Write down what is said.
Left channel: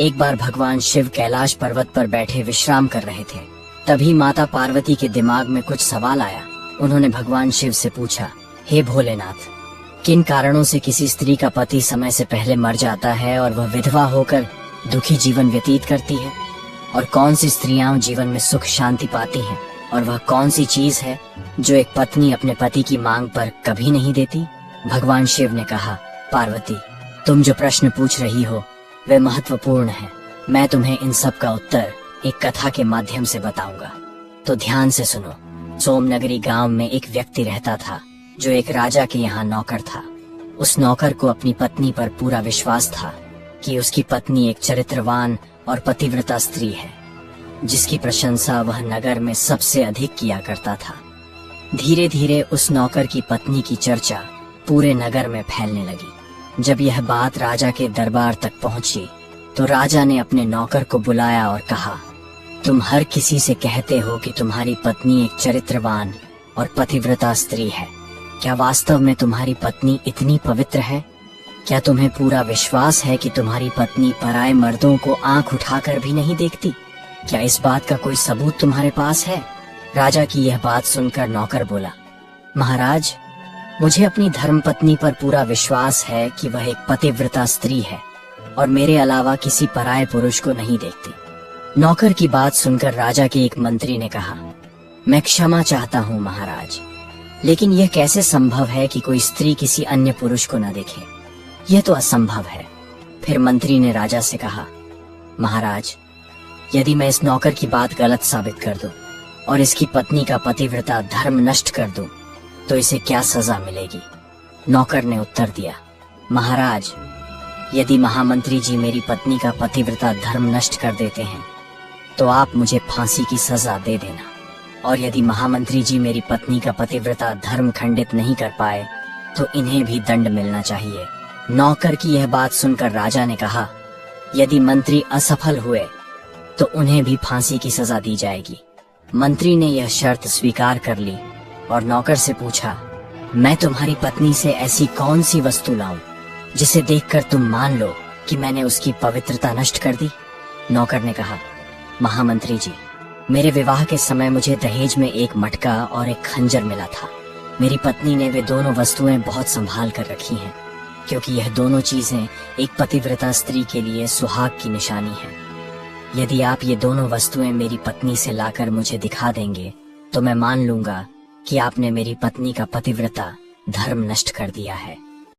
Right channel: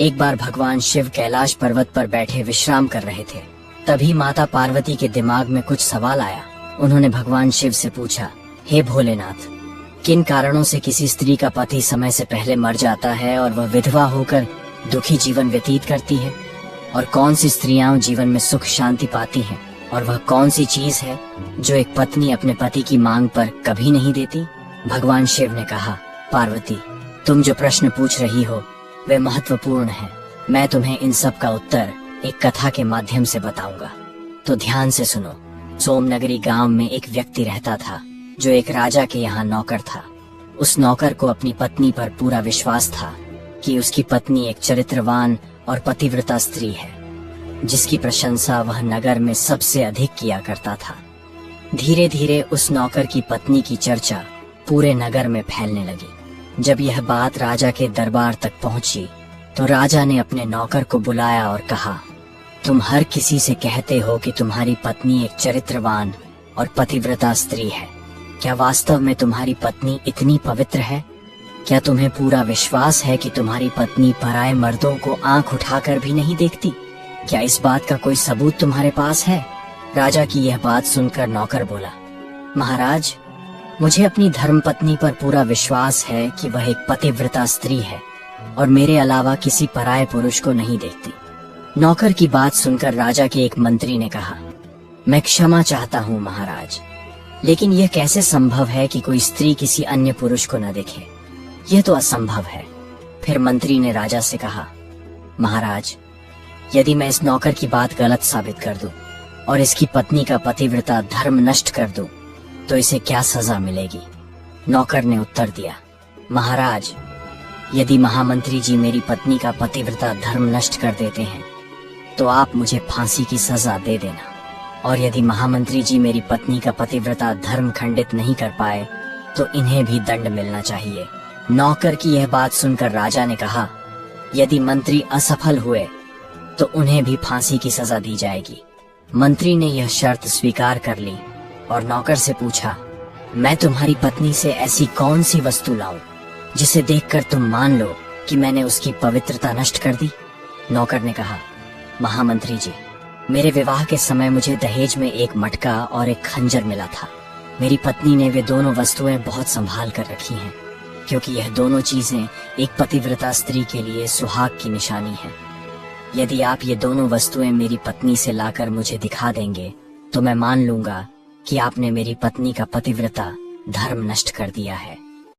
एक बार भगवान शिव कैलाश पर्वत पर बैठे विश्राम कर रहे थे। तभी माता पार्वती के दिमाग में कुछ सवाल आया। उन्होंने भगवान शिव से पूछा, हे भोलेनाथ, किन कारणों से किसी स्त्री का पति समय से पहले मर जाता है और वह विधवा होकर दुखी जीवन व्यतीत करती है? और कौन सी स्त्रियां जीवन में सुख शांति पाती हैं? और वह कौन सी चीज है जो एक पत्नी अपने पति की मांग पर कभी नहीं देती? भगवान शिव ने कहा, पार्वती, तुम जो प्रश्न पूछ रही हो वे महत्वपूर्ण हैं। मैं तुम्हें इन सब का उत्तर एक कथा के माध्यम से बताऊंगा। तो ध्यान से सुनो। सोमनगरी गांव में एक व्यक्ति रहता था जो एक राजा के यहाँ नौकर था। उस नौकर को अपनी पत्नी पर पूरा विश्वास था कि उसकी पत्नी एक चरित्रवान और पतिव्रता स्त्री है, जिसकी प्रशंसा वह नगर में सबसे अधिक किया करता था। धीरे धीरे उस नौकर की पत्नी की चर्चा पूरे नगर में फैलने लगी। जब यह बात राजा के दरबार तक पहुंची तो राजा ने अपने नौकर को बुलाया और कहा, तुम हर किसी से कहते हो कि तुम्हारी पत्नी एक चरित्रवान और पतिव्रता स्त्री है। क्या वास्तव में तुम्हारी पत्नी इतनी पवित्र है? क्या तुम्हें पूरा विश्वास है कि तुम्हारी पत्नी पराये मर्दों को आंख उठाकर भी नहीं देखती? क्या इस बात का कोई सबूत तुम्हारे पास है? राजा की यह बात सुनकर नौकर बोला, महाराज, मुझे अपनी धर्मपत्नी पर पूरा विश्वास है कि वह एक पतिव्रता स्त्री है और मेरे अलावा किसी पराये पुरुष को नहीं देखती। नौकर की बात सुनकर राजा के एक मंत्री ने कहा, मैं क्षमा चाहता हूँ महाराज, लेकिन यह कैसे संभव है कि कोई स्त्री किसी अन्य पुरुष को न देखे? यह तो असंभव है। फिर मंत्री ने राजा से कहा, महाराज, यदि मैं इस नौकर की बात गलत साबित कर दूं और इसकी पत्नी का पतिव्रता धर्म नष्ट कर दूं, तो इसे क्या सजा मिलेगी? नौकर ने उत्तर दिया, महाराज, यदि महामंत्री जी मेरी पत्नी का पतिव्रता धर्म नष्ट कर देते हैं तो आप मुझे फांसी की सजा दे देना, और यदि महामंत्री जी मेरी पत्नी का पतिव्रता धर्म खंडित नहीं कर पाए तो इन्हें भी दंड मिलना चाहिए। नौकर की यह बात सुनकर राजा ने कहा, यदि मंत्री असफल हुए तो उन्हें भी फांसी की सजा दी जाएगी। मंत्री ने यह शर्त स्वीकार कर ली और नौकर से पूछा, मैं तुम्हारी पत्नी से ऐसी कौन सी वस्तु लाऊं जिसे देखकर तुम मान लो कि मैंने उसकी पवित्रता नष्ट कर दी? नौकर ने कहा, महामंत्री जी, मेरे विवाह के समय मुझे दहेज में एक मटका और एक खंजर मिला था। मेरी पत्नी ने वे दोनों वस्तुएं बहुत संभाल कर रखी हैं, क्योंकि यह दोनों चीजें एक पतिव्रता स्त्री के लिए सुहाग की निशानी है। यदि आप ये दोनों वस्तुएं मेरी पत्नी से लाकर मुझे दिखा देंगे तो मैं मान लूंगा कि आपने मेरी पत्नी का पतिव्रता धर्म नष्ट कर दिया है।